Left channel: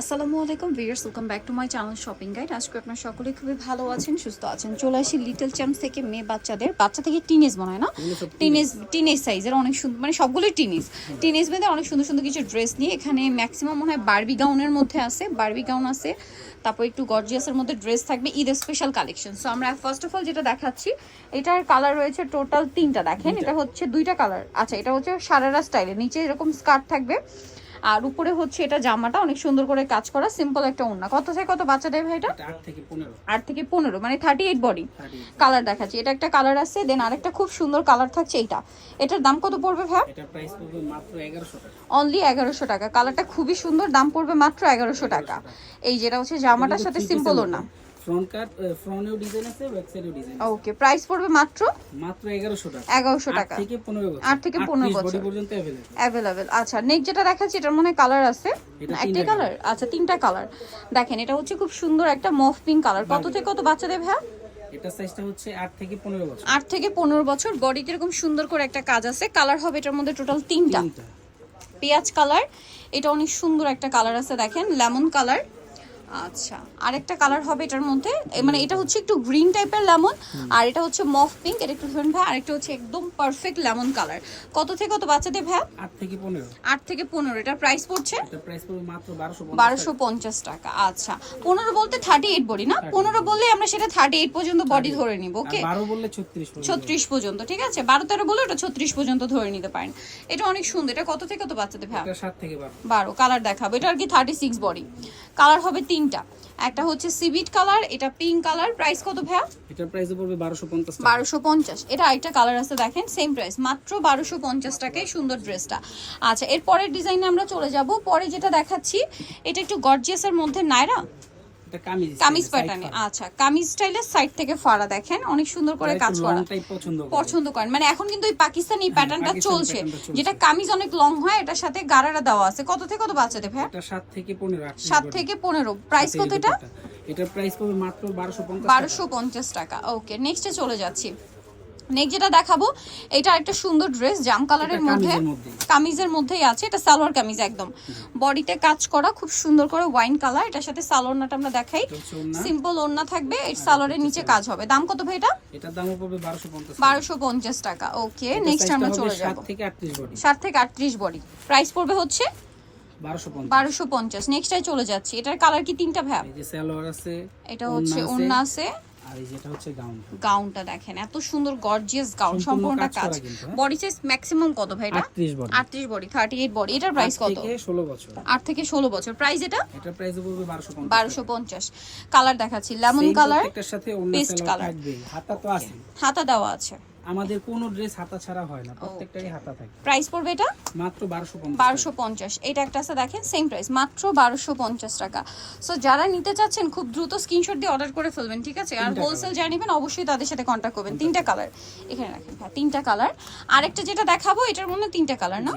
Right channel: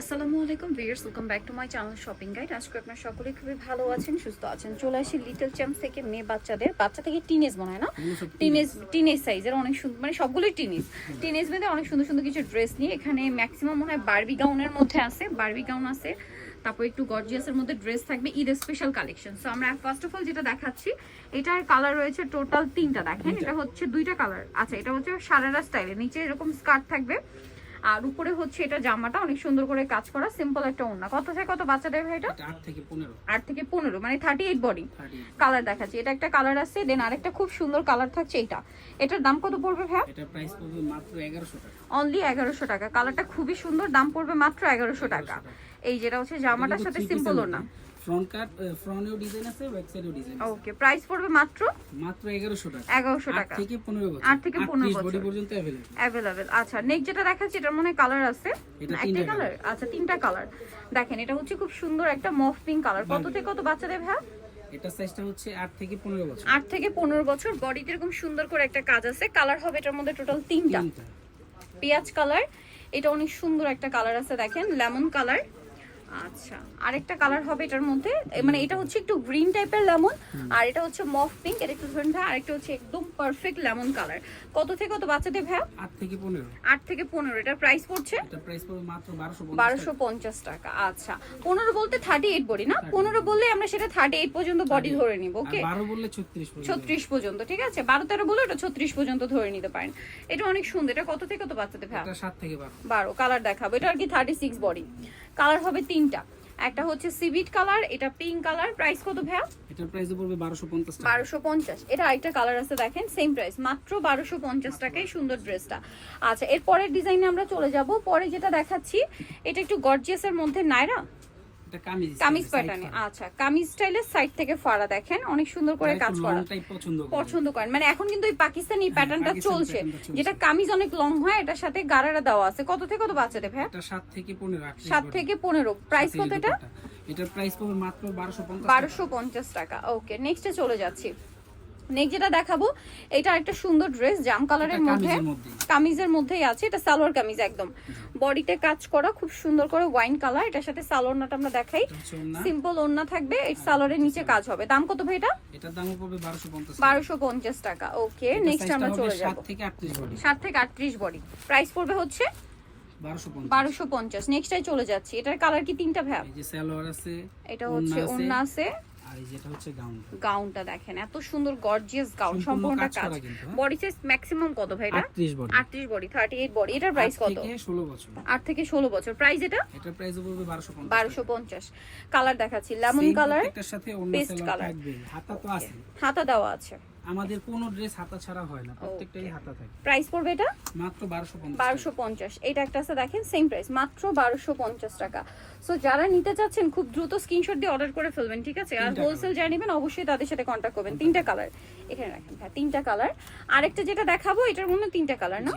আসসালামু আলাইকুম viewers welcome back to my channel shopping guide আজকে আপনার সকলে খুবই ভালো আছেন সুস্থ আছেন। চলে আসি লিটল চ্যাম্পস থেকে মেয়ে বাচ্চাদের। বাচ্চা থেকে টিনেজ মনে হয় না? টিনেজ টিনেজ সাইজের অনেক সুন্দর মানে সবগুলোই টিনেজ টিনেজ মেয়েদের অনেক সুন্দর সুন্দর কিছু ড্রেস নিয়ে এখানে ম্যাক্সিমাম মনে হয় বার্বি গাউনের মধ্যে আছে বার্বি গাউন আছে। তারপর একটু গর্জিয়াসের মধ্যে ড্রেস থাকবে ঈদ স্পেশাল কালেকশন সো আমরা ফার্স্ট অফ অল যেটা দেখাচ্ছি এটার কালার রয়েছে টোটাল তিনটা। দেখেন এটা হচ্ছে দুইটা কালার আচ্ছা এটা হচ্ছে সারারা স্টাইলের নিচে এরকম স্কার্ট থাকবে। আর উপরে হচ্ছে এটা জামাটা অনেক সুন্দর করে কাজ করা সিম্পল একটা ওড়না। কত থেকে কত বাচ্চাদের ভাই এটা? আট থেকে পনেরো। আট থেকে পনেরো মানে থার্টি এইট বডি কালার দেখাচ্ছি এটা একটা কালার আছে দেন আরেকটা খুব সুন্দর কালার থাকছে এটা। এটার দাম কত পড়বে ভাই এটা প্রাইস পড়বে মাত্র এগারোশো টাকা। অনলি এগারোশো টাকা। কালারটা খুবই সুন্দর দাম পড়বে মাত্র এগারোশো টাকা। এই যেটা হচ্ছে জামাটার সাথে সিম্পল ওড়না। ফ্রন্ট কাট ফ্রন্টেও ডিজাইন আছে ব্যাক সাইডেও ডিজাইন ওকে প্রাইস পড়বে মাত্র? মাত্র এগারোশো টাকা। এগারোশো আট টাকা। থেকে পনেরো বছর। আট থেকে পনেরো বডি পর্যন্ত অ্যাভেলেবল অ্যাভেলেবেল আচ্ছা নেক্সট যেটা দেখাচ্ছি এটার মনে কালার আছে? এটা একটা কালার আচ্ছা তিনটা কালার দেখেন এটা হচ্ছে খুব সুন্দর একটা মফ পিঙ্ক কালার কত থেকে কত বাচ্চাদের ভাই? এটা সাইজটা হচ্ছে আট থেকে পনেরো বছর। আট থেকে পনেরো বছর। বডিতে এরকম সুন্দর করে একটা কাজ আছে। কালার হবে এটার মধ্যে টোটাল তিনটা। তিনটা। পেঁয়াজ কালার এটা অনেক সুন্দর একটা কালার আছে দেখেন। লেমন কালার আচ্ছা আরেকটা কালার হবে এটার মধ্যে। মানে এটা হচ্ছে একটু গ্রিন টাইপের লেমন আর এটা হচ্ছে মফ পিঙ্ক এটা একটু ধরেন ভাই আরেকটা হচ্ছে একদম পারফেক্ট লেমন কালার কত থেকে কত বাচ্চাদের ভাই? থেকে পনেরো। আট থেকে পনেরো এটার প্রাইস পড়ছে? এটা প্রাইস পড়বে মাত্র বারোশো বারোশো পঞ্চাশ টাকা আচ্ছা। পনেরো বলতে থার্টি এইট বডি না? পনেরো বললে আমরা সেটা থার্টি এইট পর্যন্ত বডি ধরে নিব ওকে বারো বললে ছত্রিশ পড়বে ছত্রিশ পর্যন্ত ঠিক আছে? বারো তেরো বলে ওটা ছত্রিশ পর্যন্ত ধরে নিতে পারেন। এটা অনেক সুন্দর এটা কত থেকে কত বাচ্চাদের ভাই? এটা থেকে বারো। কালার দেখাবো। এটা আর কি থার্টি সিক্স বডি। কালার হবে তিনটা। একটা হচ্ছে সিভিট কালার এটা পিঙ্ক কালার। প্রাইস কত ভাইয়া? এটার প্রাইস পড়বে বারোশো পঞ্চাশ টাকা। বারোশো পঞ্চাশ। এটা আরেকটা কালার আছে দেখেন সেম প্রাইস মাত্র বারোশো পঞ্চাশ টাকায় সুন্দর ড্রেসটা আচ্ছা এরপরের ডিজাইনে আমরা চলে যাব। পরে যেটা দেখাচ্ছি এটা একটু গর্জিয়াসের মধ্যে নাইরা এটা কামিজ কামিজ প্যাটার্নে আচ্ছা কামিজ স্টাইলের সাইড থেকে ফাড়া দেখেন অনেক সুন্দর করে কাজ করা। পছন্দ পছন্দ করেন। মানে এখন কিন্তু এই পাকিস্তানি প্যাটার্নটা চলছে। যেটা কামিজ অনেক লং হয় এটার সাথে গারারা দেওয়া আছে। কত থেকে কত বাচ্চাদের ভাই এটা সাত থেকে পনেরো আট সাত থেকে পনেরো। প্রাইস কত এটা? এটার প্রাইস পড়বে মাত্র টাকা। ওকে নেক্সটে চলে যাচ্ছি। নেক্সট যেটা দেখাবো এটা একটা সুন্দর ড্রেস জাম কালারের মধ্যে কামিজের মধ্যেই। আছে এটা সালোয়ার কামিজ একদম। বডিতে কাজ করা খুব সুন্দর করে ওয়াইন কালার এটার সাথে সালোয়ারটা আমরা দেখাই। সিম্পল ওড়না। থাকবে এই সালোয়ারের নিচে কাজ হবে। দাম কত ভাই এটা? এটার পড়বে পঞ্চাশ টাকা। ওকে নেক্সট আমরা চলে থেকে আটত্রিশ বডি থেকে প্রাইস পড়বে হচ্ছে বারোশো পঞ্চাশ। বারোশো চলে যাচ্ছি। এটার কালার কি তিনটা এই যে সালোয়ার আছে এটা হচ্ছে ওন্না আছে। আর এই যেটা হচ্ছে গাউনটা। গাউনটা দেখেন এত সুন্দর গর্জিয়াস গাউন সম্পূর্ণ কাজ? বডি সাইজ ম্যাক্সিমাম কত ভাই এটা? আটত্রিশ বডি 38 বডি 38 বডি এটার প্রাইস কত? থেকে ষোলো বছর। 8 থেকে 16 বছর। প্রাইস এটা? এটার প্রাইস পড়বে বারোশো পঞ্চাশ 1250 কালার দেখাচ্ছি লেমন কালার প্রত্যেকটার সাথে অন্য কালার থাকবে হাতা তো আছে হাতা দেওয়া আছে। আমাদের কোনো ড্রেস হাতা ছাড়া হয় না প্রত্যেকটারই হাতা থাকে। প্রাইস পড়বে এটা? মাত্র বারোশো পঞ্চাশ 1250 এটা একটা আছে দেখেন সেম প্রাইস মাত্র 1250 টাকা। সো যারা নিতে চাচ্ছেন খুব দ্রুত স্ক্রিনশট দিয়ে অর্ডার করে ফেলবেন ঠিক আছে? আর হোলসেল যা নেবেন অবশ্যই তাদের সাথে কন্ট্যাক্ট করবেন। তিনটা কালার এখানে রাখেন হ্যাঁ তিনটা কালার আরেকটা যেটা দেখাবো এটার মধ্যে তিনটা কালার না?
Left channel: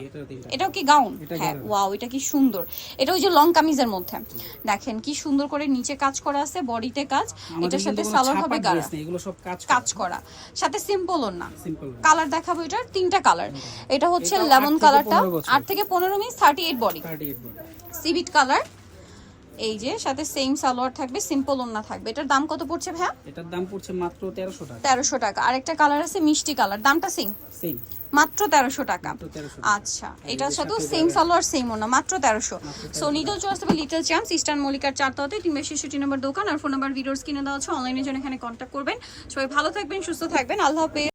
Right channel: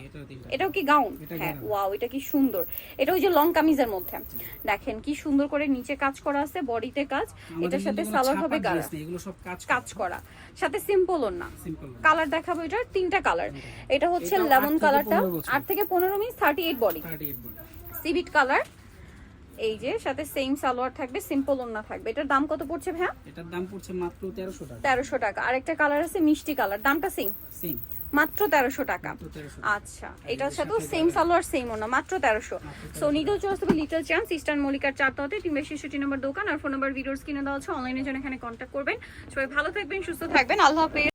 এটাও কি গাউন হ্যাঁ ওয়াও এটা কি সুন্দর। এটা ওই যে লং কামিজের মধ্যে। দেখেন কি সুন্দর করে নিচে কাজ করা আছে বডিতে কাজ। এটার সাথে সালোয়ার হবে গাড়া। এগুলো সব কাজ কাজ করা। সাথে সিম্পল না। কালার দেখাবো এটার তিনটা কালার এটা হচ্ছে লেমন কালারটা আট থেকে পনেরো মিনিট থার্টি এইট বডি সিভিট কালার এই যে সাথে সেম সালোয়ার থাকবে সিম্পল ওন্না থাকবে। এটার দাম কত পড়ছে ভাইয়া? এটার দাম পড়ছে মাত্র তেরোশো টাকা। তেরোশো টাকা। আরেকটা কালার আছে মিষ্টি কালার দামটা সেম সেই মাত্র তেরোশো টাকা। আচ্ছা এটার সাথেও সেম সালোয়ার সেম ওনা মাত্র তেরোশো। So needle choice little champs eastern মল্লিকার চারটাতে তিনবার ছেষট্টি নম্বর দোকান। আর ফোন নাম্বার ভিডিওস কিনে দেওয়া আছে। অনলাইনের জন্য এখানে কন্ট্যাক্ট করবেন। সবাই ভালো থাকবেন সুস্থ থাকবেন। আল্লাহ হাফেজ।